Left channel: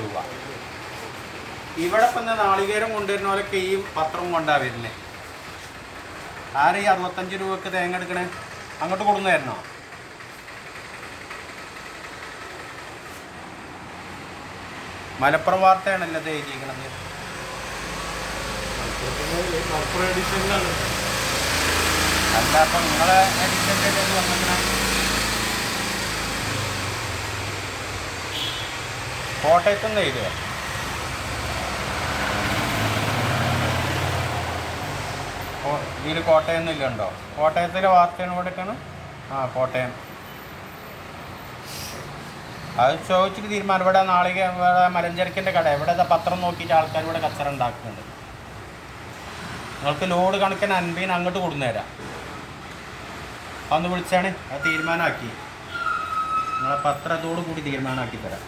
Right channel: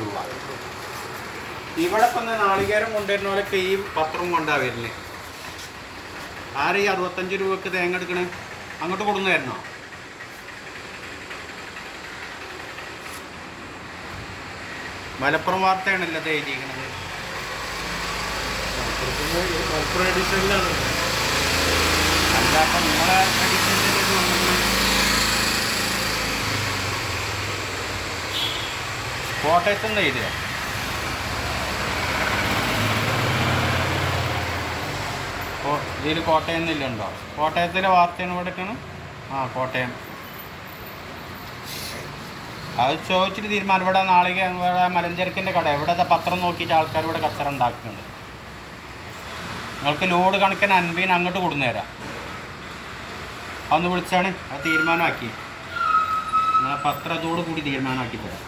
രൂപ. ഇവിടെ ഇപ്പം നാളികേരം കൊണ്ടുവരുന്ന പോലൊക്കെ ഈ പത്രവും കൊണ്ടാണ് വരുന്നത്. ആരും ഈ 65 രൂപക്ക് തേങ്ങ എടുക്കണേ? അങ്ങോട്ട് കൊടുന്നു തരണോ? മലപ്പുറം വാർത്തയാണല്ലോ ഇത് എഴുതിയിരിക്കണത്. മലപ്പുറം എഡിഷനിലാണ്. അല്ല, അപ്പം നിങ്ങളെ എഡിഷനിൽ വന്നിങ്ങനെ കോട്ടയത്തുനിന്ന് എഴുതിയോ? ഇതിൽ കോട്ടയം എന്നില്ലുണ്ടോ? കോട്ടയത്തിലെ വാർത്തയാണ് കൊടുക്കണം. ആ, കോട്ടയം. അത് ചോദിച്ചിട്ട് തീരുമാനം. ഇവിടെ നാളിക ഇവിടെ മലഞ്ചരക്കിൻ്റെ കട ഇവിടെ പത്രം നോക്കിയിട്ട് ആൾക്കാർ ഇവിടെ കച്ചറ ഉണ്ടാക്കുന്നുണ്ട്. നിങ്ങൾക്ക് ലോഡ് കണക്കിന് 50 അങ്ങോട്ട് കൊടുന്നുതരാം. അതൊന്ന് വിളിച്ചാണ് അത് തീരുമാനമാക്കി. നിങ്ങളെ പത്രത്തോടു കൂടി തീരുമാനമാക്കി തരാം.